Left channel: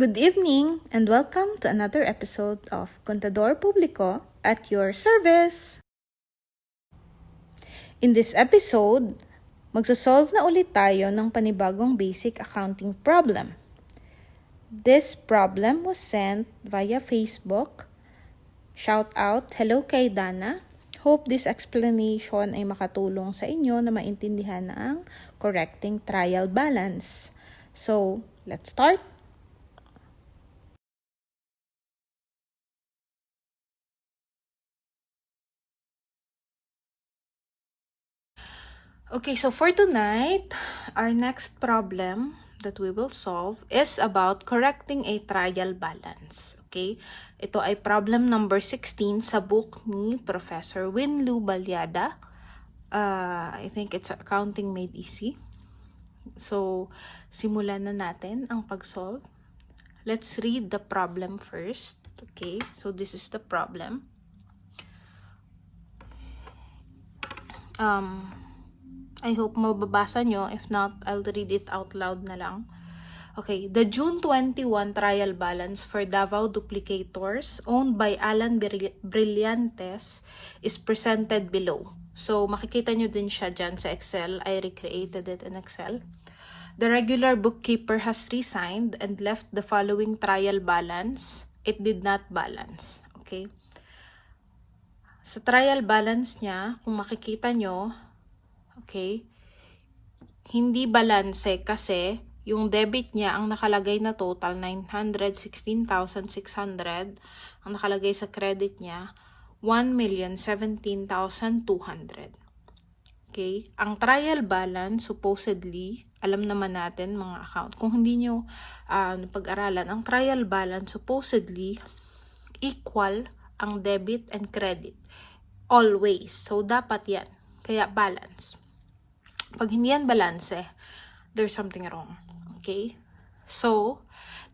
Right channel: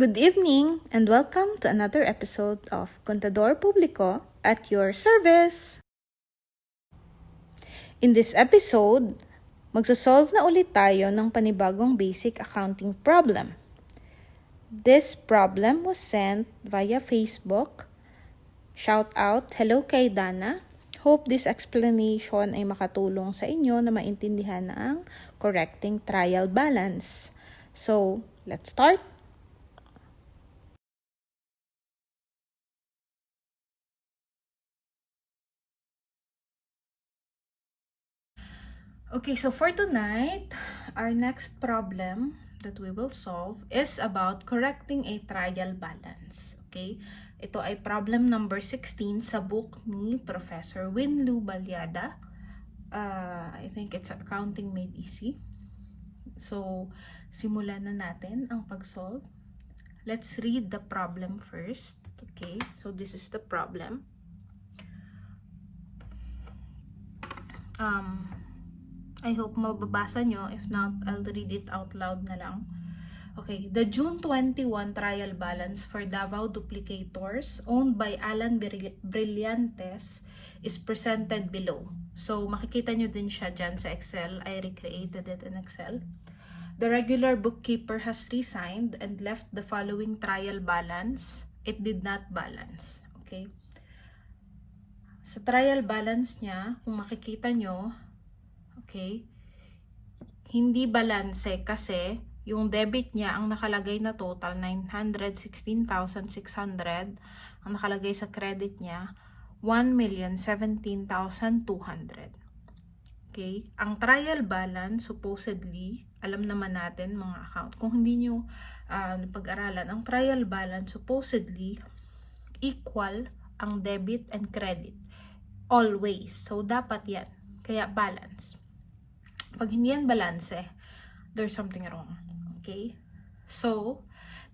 Good evening and welcome to another episode of Contador Publico at your service. In this episode, magsosolve na ulit tayo ng panibagong basic accounting problem. This problem was sent via Facebook. Shout out, hello kay Dana. Hope this explanation ay makatulong sa inyo na maintindihan ang correcting trial balance. So, let's start. Okay, so for tonight, our next problem that we will solve is about correcting a trial balance. Okay, ito ay problem number 16 sa book ni Professor Winlu Balyada. I think it's Accounting Made Easy. So, simulan na natin ang pag-solve. Let's read the problem first. Okay, so this is the problem. I hope mababasa nyo. If not, I'll read it out loud na lang. Okay, the June 21 trial balance for Davao Duplicators owned by Alan Brillantes is presented below. So, makikita nyo din siya dyan sa Excel. I recreated it in Excel. The regular bookkeeper has resigned and left the following trial balance. It did not balance. Okay. Sa trial balance niya, kung makikita nyo, okay, hindi balanse kasi yung debit niya, ang nakalagay na total, 916,600. Ang nakalagay sa credit niya, 1,017,200. Okay? Ang trial balance, supposedly, alam naman natin mga account, kung hindi nyo napag-aralan, ang trial balance, supposedly, equal ang debit and credit. Always. So, dapat yan. Kaya balance. Pag hindi yan balance, there's something wrong. Okay? So,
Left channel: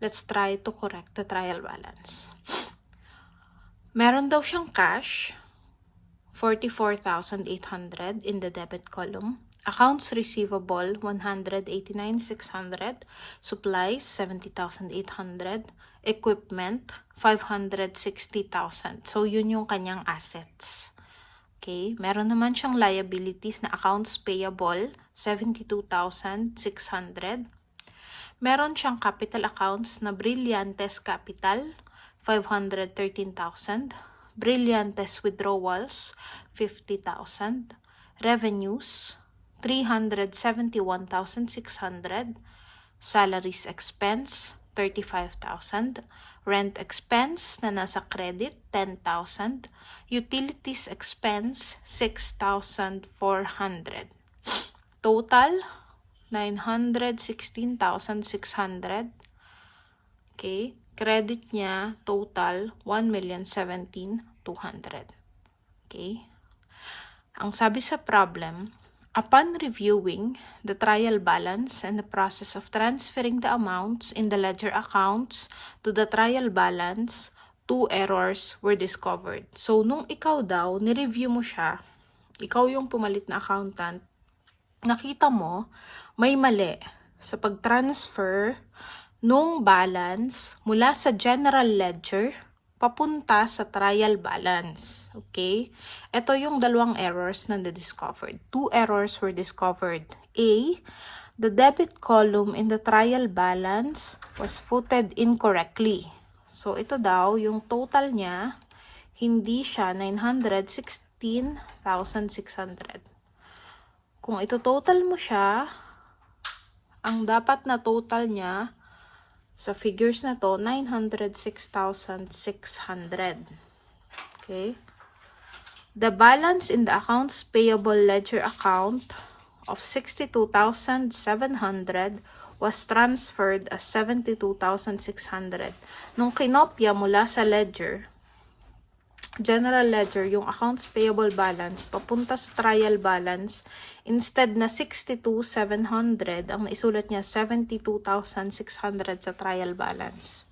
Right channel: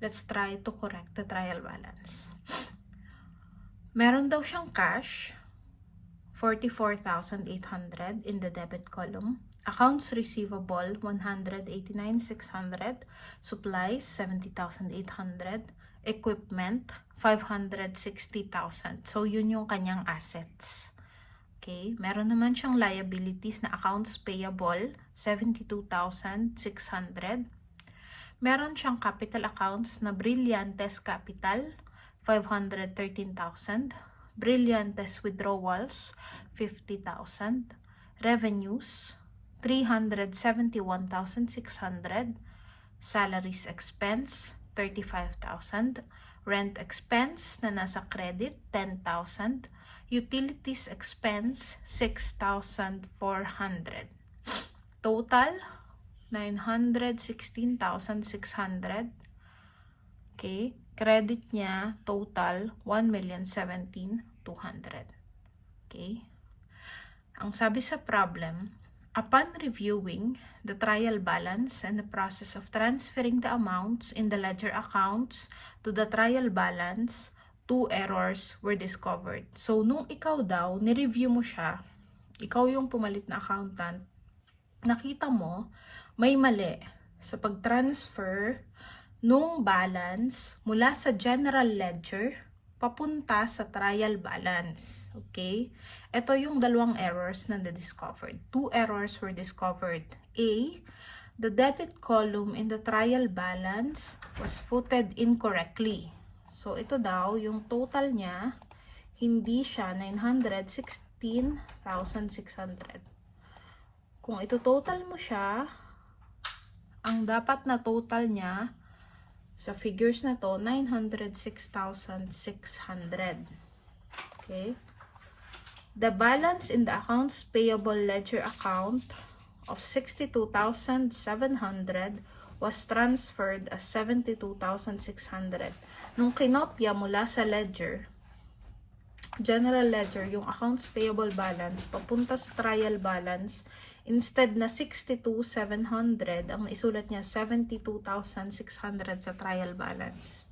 let's try to correct the trial balance. Meron daw siyang cash, 44,800 in the debit column. Accounts receivable, 189,600. Supplies, 70,800. Equipment, 560,000. So, yun yung kanyang assets. Okay, meron naman siyang liabilities na accounts payable, 72,600. Meron siyang capital accounts na Brillantes Capital, 513,000. Brillantes Withdrawals, 50,000. Revenues, 371,600. Salaries expense, 35,000. Rent expense na nasa credit, 10,000. Utilities expense, 6,400. Total, 916,600. Okay. Credit niya, total, 1,017,200. Okay. Ang sabi sa problem, upon reviewing the trial balance and the process of transferring the amounts in the ledger accounts to the trial balance, 2 errors were discovered. So, nung ikaw daw, nireview mo siya, ikaw yung pumalit na accountant, nakita mo, may mali sa pag-transfer nung balance mula sa general ledger papunta sa trial balance. Okay? Ito yung dalawang errors na na-discovered. 2 errors were discovered. A, the debit column in the trial balance was footed incorrectly. So, ito daw, yung total niya, hindi siya 916,600. Kung ito total mo siya, ang dapat na total niya, sa figures na to, 906,600. Okay? The balance in the accounts payable ledger account of 62,700 was transferred as 72,600. Nung kinopya mula sa ledger, general ledger, yung accounts payable balance, papunta sa trial balance, instead na 62,700, ang naisulat niya 72,600 sa trial balance.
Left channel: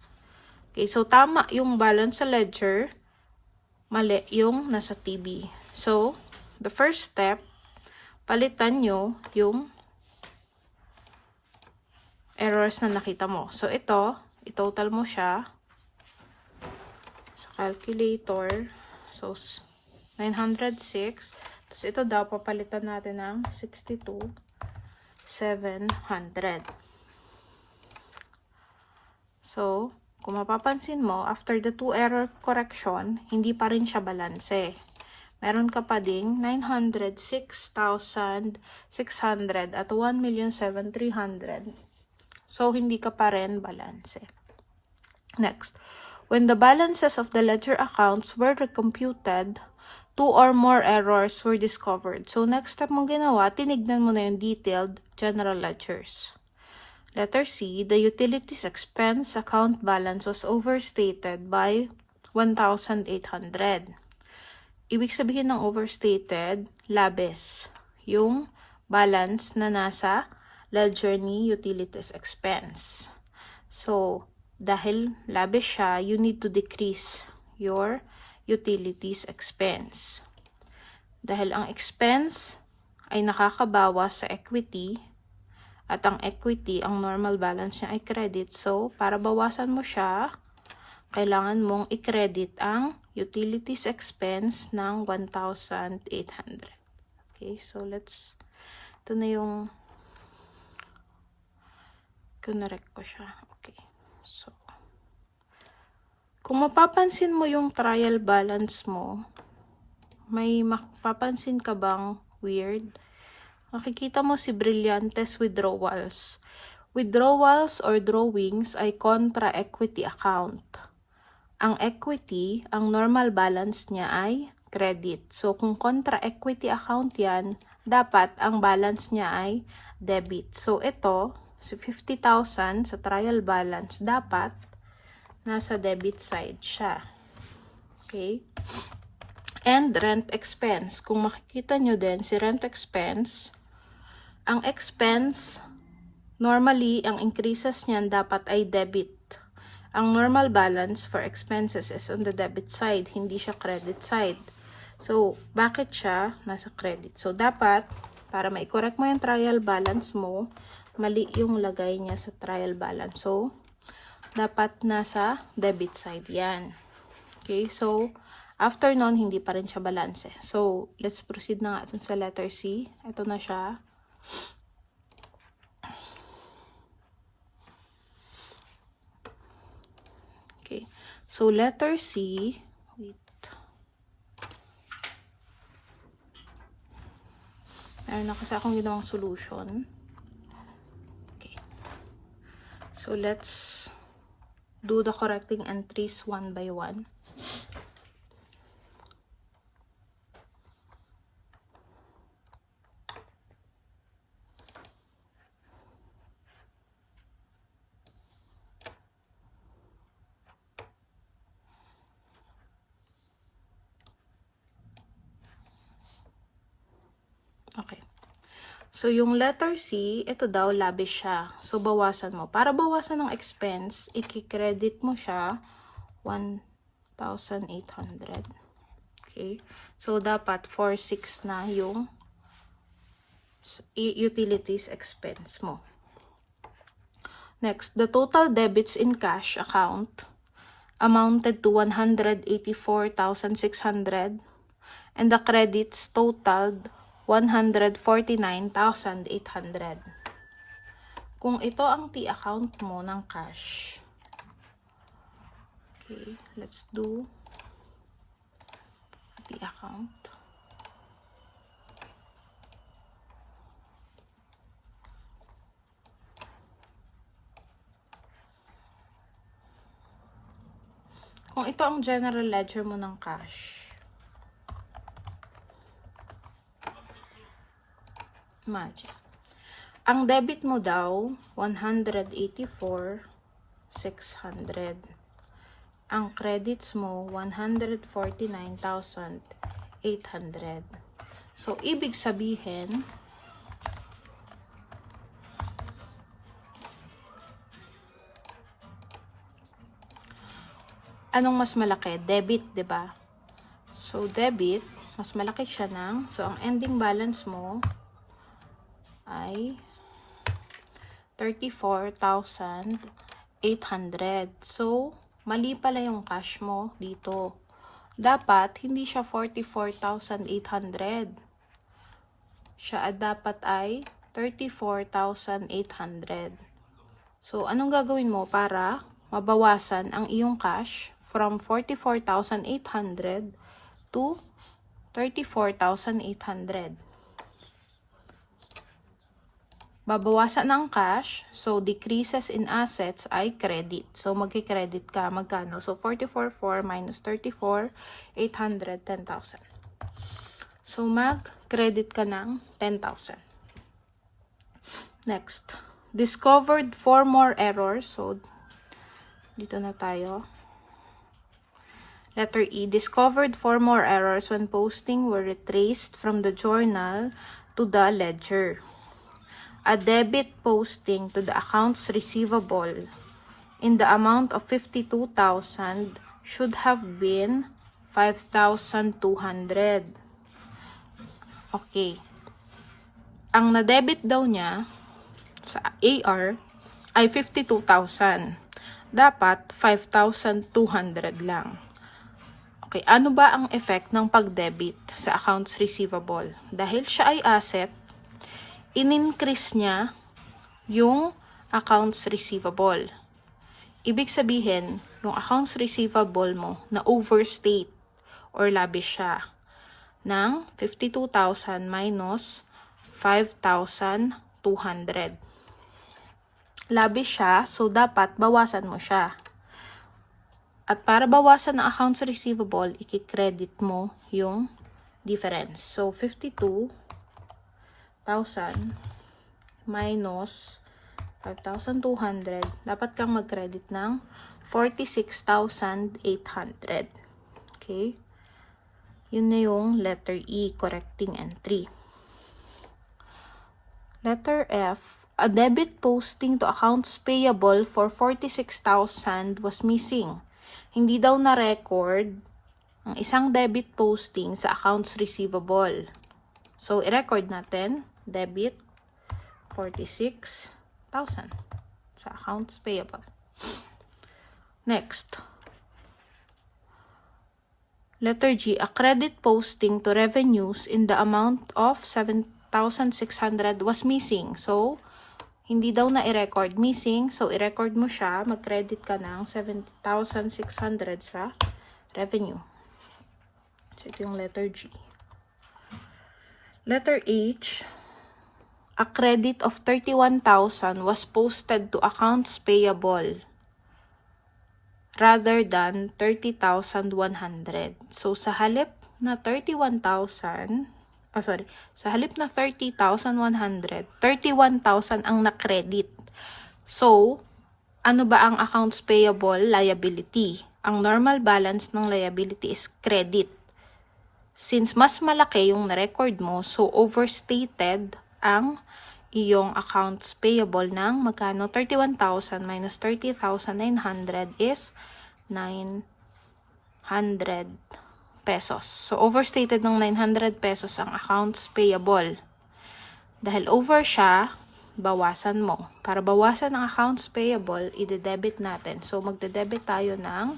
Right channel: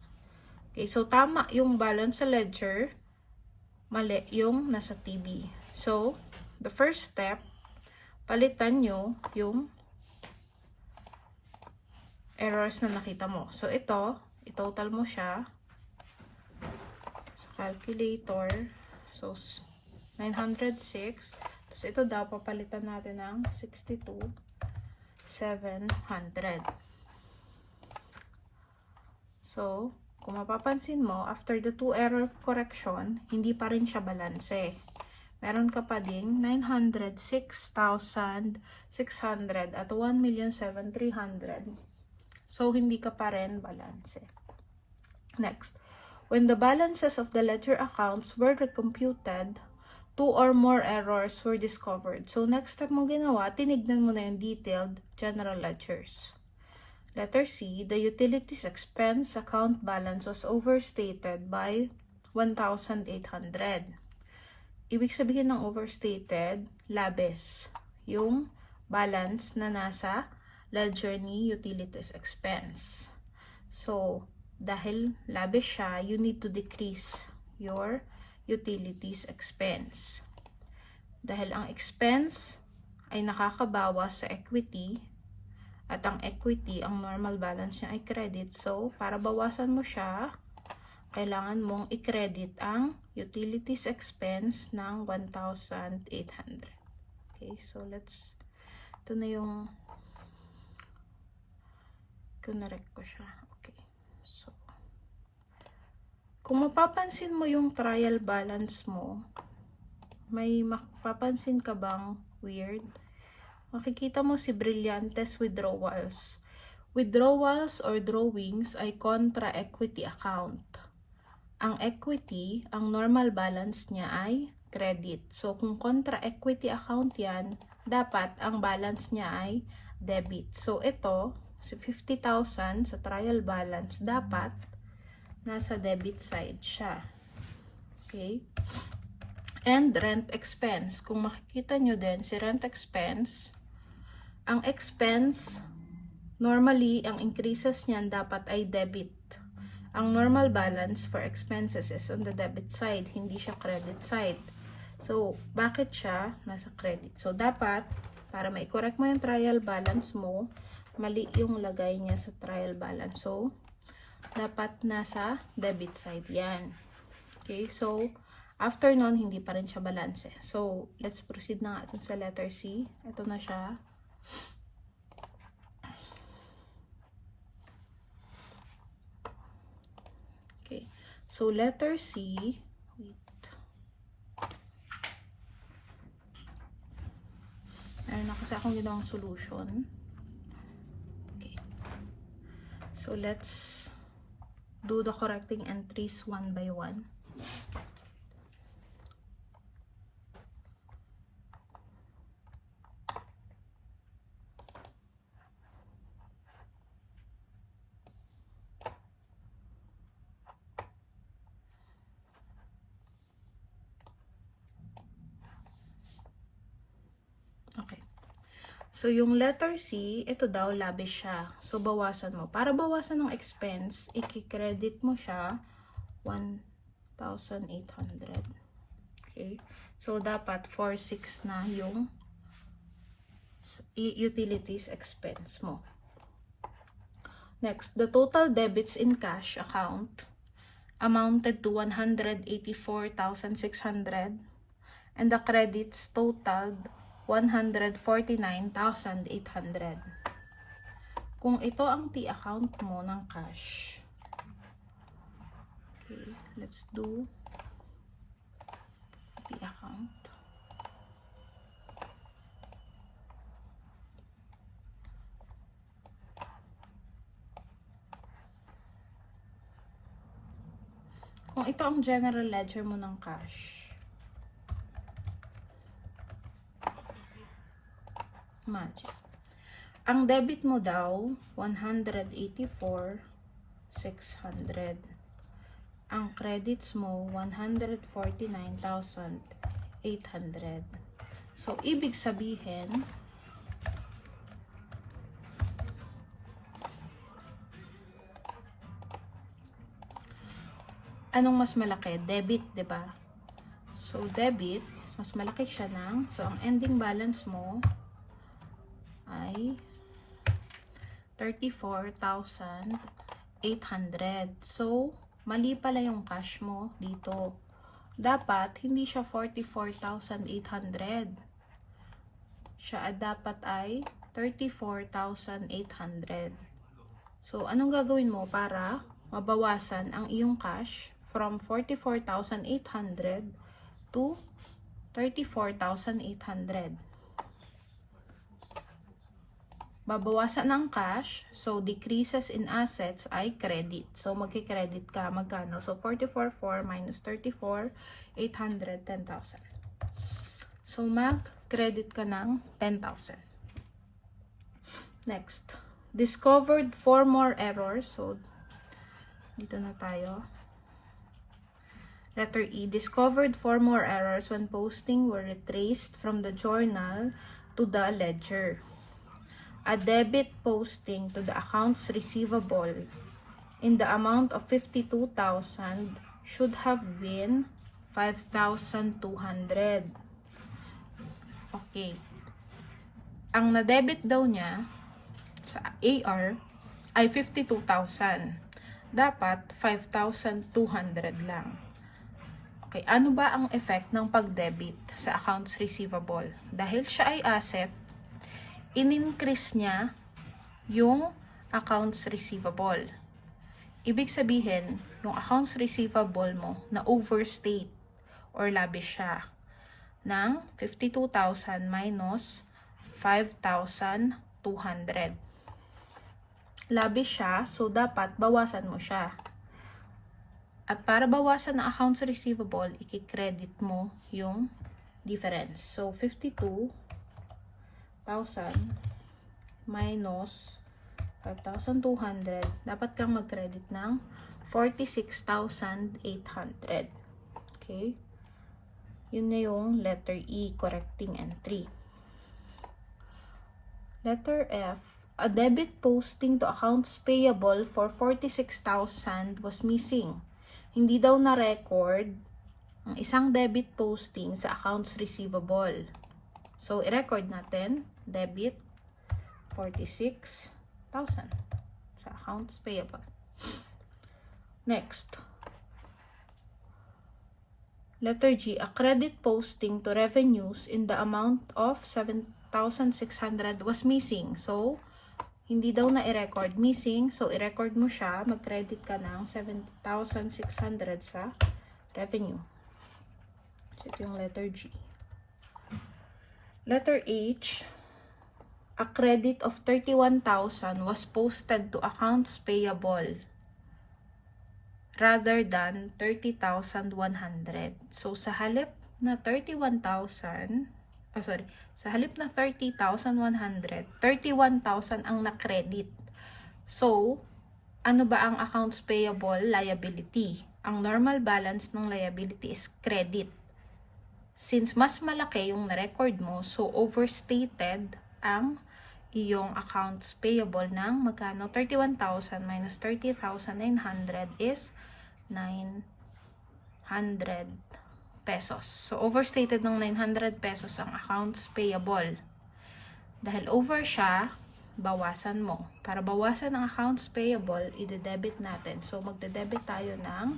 Okay, so tama yung balance sa ledger, mali yung nasa TB. So, the first step, palitan nyo yung errors na nakita mo. So, ito, i-total mo siya sa calculator. So, 906. Tapos ito daw, papalitan natin ng 62,700. So, kung mapapansin mo, after the 2 error correction, hindi pa rin siya balanse. Meron ka pa ding 906,600 at 1,730,000. So, hindi ka pa rin balanse. Next, when the balances of the ledger accounts were recomputed, 2 or more errors were discovered. So, next step mong ginawa, tinignan mo na yung detailed general ledgers. Letter C, the utilities expense account balance was overstated by 1,800. Ibig sabihin ng overstated, labis. Yung balance na nasa ledger ni utilities expense. So, dahil labis siya, you need to decrease your utilities expense. Dahil ang expense ay nakakabawas sa equity, at ang equity, ang normal balance niya ay credit. So, para bawasan mo siya, kailangan mong i-credit ang utilities expense ng 1,800. Okay, so ito na yung, kinarek ko siya. Okay, so, kung mapapansin mo yung trial balance mo, may mapapansin ka bang weird? Makikita mo si Brillantes withdrawals. Withdrawals or drawings ay contra equity account. Ang equity, ang normal balance niya ay credit. So, kung contra equity account yan, dapat ang balance niya ay debit. So, ito, si 50,000 sa trial balance, dapat nasa debit side siya. Okay? And rent expense. Kung makikita nyo din, si rent expense, ang expense, normally, ang increases niyan dapat ay debit. Ang normal balance for expenses is on the debit side, hindi siya credit side. So, bakit siya nasa credit? So, dapat, para ma-correct mo yung trial balance mo, mali yung lagay niya sa trial balance. So, dapat nasa debit side yan. Okay, so, after nun, hindi pa rin siya balance. So, let's proceed na nga sa letter C. Ito na siya. Okay, so letter C, wait. Meron na kasi akong ginawang solution. Okay, so let's do the correcting entries one by one. Okay. So, yung letter C, ito daw, labis siya. So, bawasan mo. Para bawasan ng expense, i-credit mo siya 1,800. Okay. So, dapat 4,600 na yung utilities expense mo. Next, the total debits in cash account amounted to 184,600 and the credits totaled 149,800. Kung ito ang T account mo ng cash. Okay, let's do T account. Kung ito ang general ledger mo ng cash. Imagine. Ang debit mo daw, 184,600. Ang credits mo, 149,800. So, ibig sabihin, anong mas malaki? Debit, di ba? So, debit, mas malaki siya ng, so, ang ending balance mo, ay 34,800. 800. So, mali pala yung cash mo dito. Dapat, hindi siya 44,800. Siya dapat ay 34,800. So, anong gagawin mo para mabawasan ang iyong cash from 44,800 to 34,800? Babawasan ang cash, so decreases in assets ay credit. So, magki-credit ka, magkano? So, 44,400 minus 34,800, 10,000. So, mag-credit ka ng 10,000. Next, discovered 4 more errors. So, dito na tayo. Letter E, discovered 4 more errors when posting were retraced from the journal to the ledger. A debit posting to the accounts receivable in the amount of 52,000 should have been 5,200. Okay. Ang na-debit daw niya sa AR ay 52,000. Dapat 5,200 lang. Okay, ano ba ang effect ng pag-debit sa accounts receivable? Dahil siya ay asset, in-increase niya yung accounts receivable. Ibig sabihin, yung accounts receivable mo na overstate or labish siya ng 52,000 minus 5,200. Labish siya, so dapat bawasan mo siya. At para bawasan ang accounts receivable, i-credit mo yung difference. So, 52,000 minus 5,200, dapat kang mag-credit ng 46,800. Okay? Yun na yung letter E, correcting entry. Letter F, a debit posting to accounts payable for 46,000 was missing. Hindi daw na-record ang isang debit posting sa accounts receivable. So, i-record natin, debit 46,000 sa accounts payable. Next. Letter G, a credit posting to revenues in the amount of 7,600 was missing. So, hindi daw na i-record missing. So, i-record mo siya. Mag-credit ka ng 7,600 sa revenue. So, ito yung letter G. Letter H, a credit of 31,000 was posted to accounts payable rather than 30,100. So, sa halip na 31,000, sa halip na 30,100, 31,000 ang na-credit. So, ano ba ang accounts payable? Liability. Ang normal balance ng liability is credit. Since mas malaki yung na-record mo, so overstated ang iyong accounts payable ng magkano? 31,000 minus 30,900 is 900 pesos. So, overstated ng 900 pesos ang accounts payable. Dahil over siya, bawasan mo. Para bawasan ang accounts payable, i-debit natin. So, magde-debit tayo ng,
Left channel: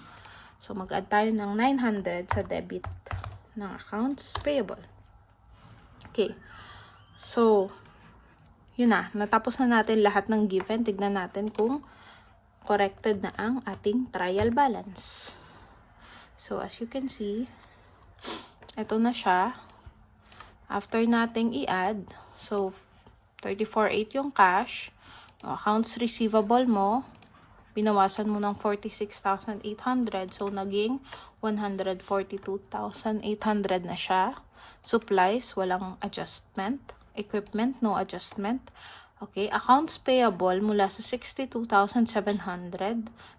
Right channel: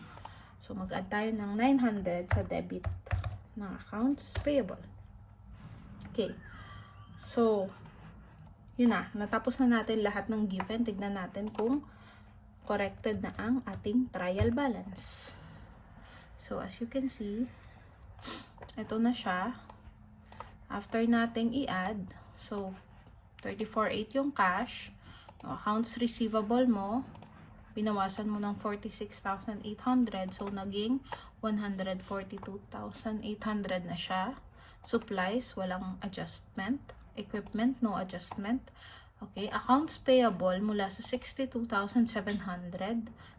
mag-add tayo ng 900 sa debit ng accounts payable. Okay. So, yun na. Natapos na natin lahat ng given. Tignan natin kung corrected na ang ating trial balance. So, as you can see, ito na siya. After nating i-add, so, 34,800 yung cash. Yung accounts receivable mo, binawasan mo ng 46,800. So, naging 142,800 na siya. Supplies, walang adjustment. Equipment, no adjustment. Okay, accounts payable mula sa 62,700,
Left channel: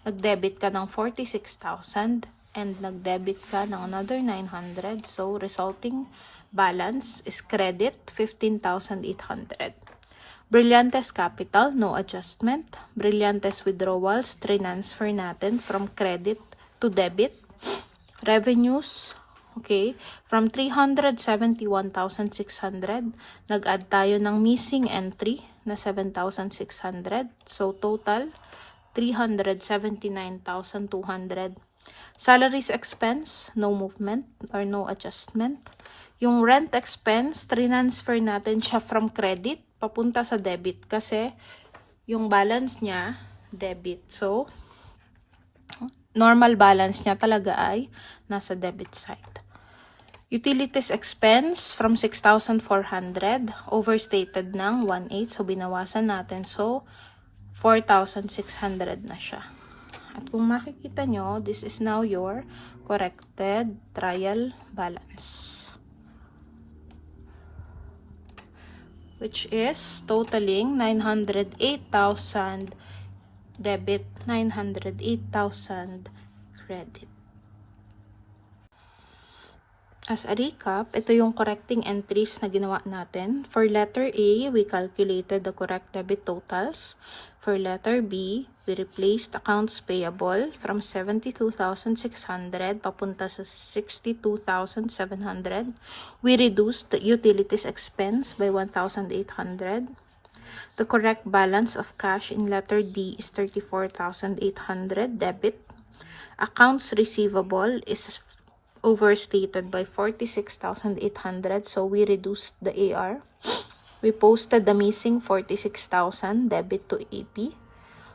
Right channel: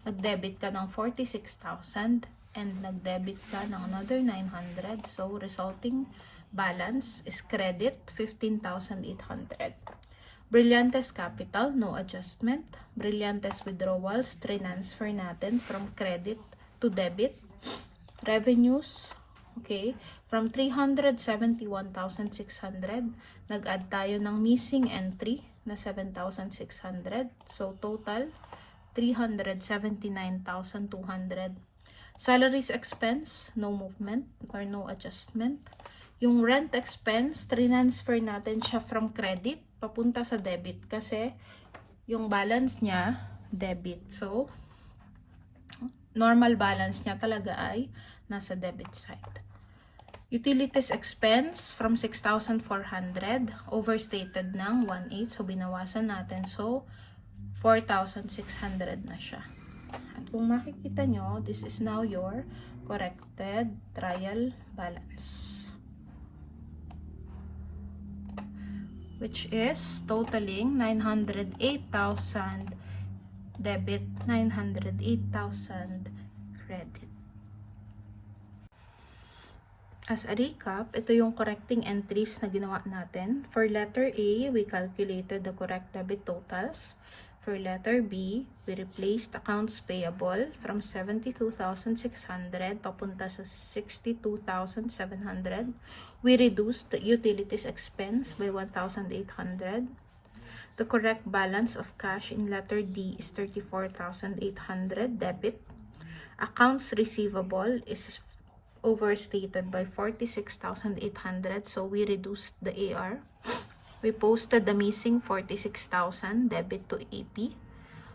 nag-debit ka ng 46,000 and nag-debit ka ng another 900. So, resulting balance is credit 15,800. Brillantes capital, no adjustment. Brillantes withdrawals, transfer natin from credit to debit. Revenues, okay, from 371,600, nag-add tayo ng missing entry na 7,600. So, total 379,200. Salaries expense, no movement or no adjustment. Yung rent expense, transfer natin siya from credit papunta sa debit kasi yung balance niya debit. So, normal balance niya talaga ay nasa debit side. Utilities expense from 6,400, overstated ng 1/8, so binawasan natin. So, 4,600 na siya. At kung makikita nyo, this is now your corrected trial balance, which is totaling 908,000 debit, 908,000 credit. As a recap, ito yung correcting entries na ginawa natin. For letter A, we calculated the correct debit totals. For letter B, we replaced accounts payable from 72,600 papunta sa 62,700. We reduced the utilities expense by 1,800. The correct balance of cash in letter D is 34,800 debit. Accounts receivable is overstated by 46,800, so we reduced the AR. We posted the missing 46,000 debit to AP.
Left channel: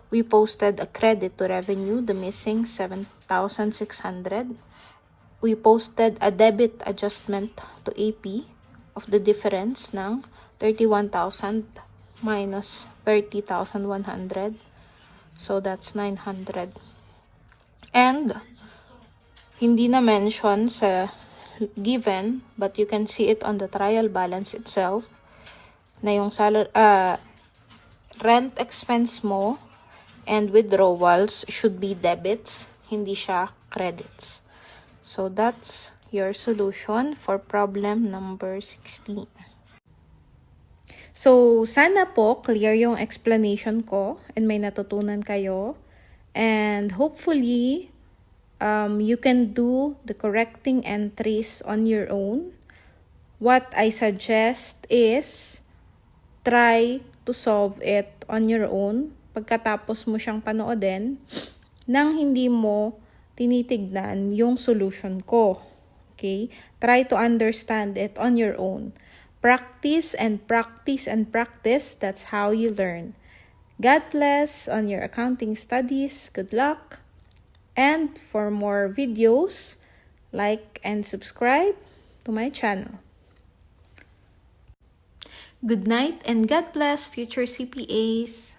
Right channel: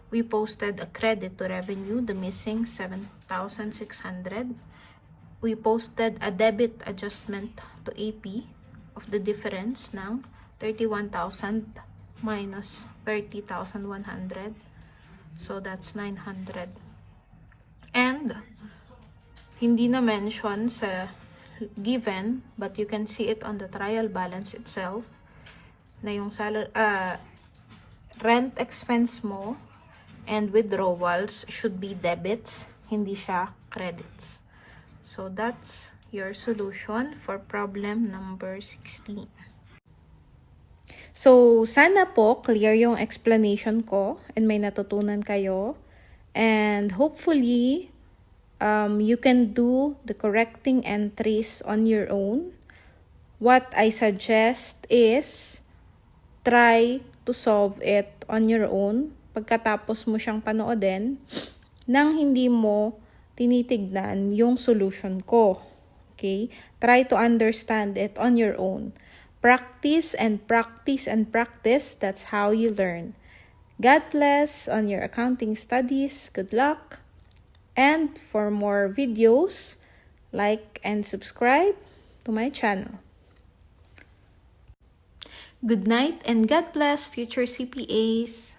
We posted a credit to revenue, the missing 7,600. We posted a debit adjustment to AP of the difference ng 31,000 minus 30,100. So that's 900. And hindi na mention sa given, but you can see it on the trial balance itself, na yung rent expense mo and withdrawals should be debits, hindi siya credits. So that's your solution for problem number 16. So sana po clear yung explanation ko and may natutunan kayo, and hopefully you can do the correcting entries on your own. What I suggest is try to solve it on your own pagkatapos mo siyang panoodin nang hindi mo tinitignan yung solution ko. Okay? Try to understand it on your own. Practice and practice and practice. That's how you learn. God bless on your accounting studies. Good luck. And for more videos, like and subscribe to my channel. Good night and God bless future CPAs.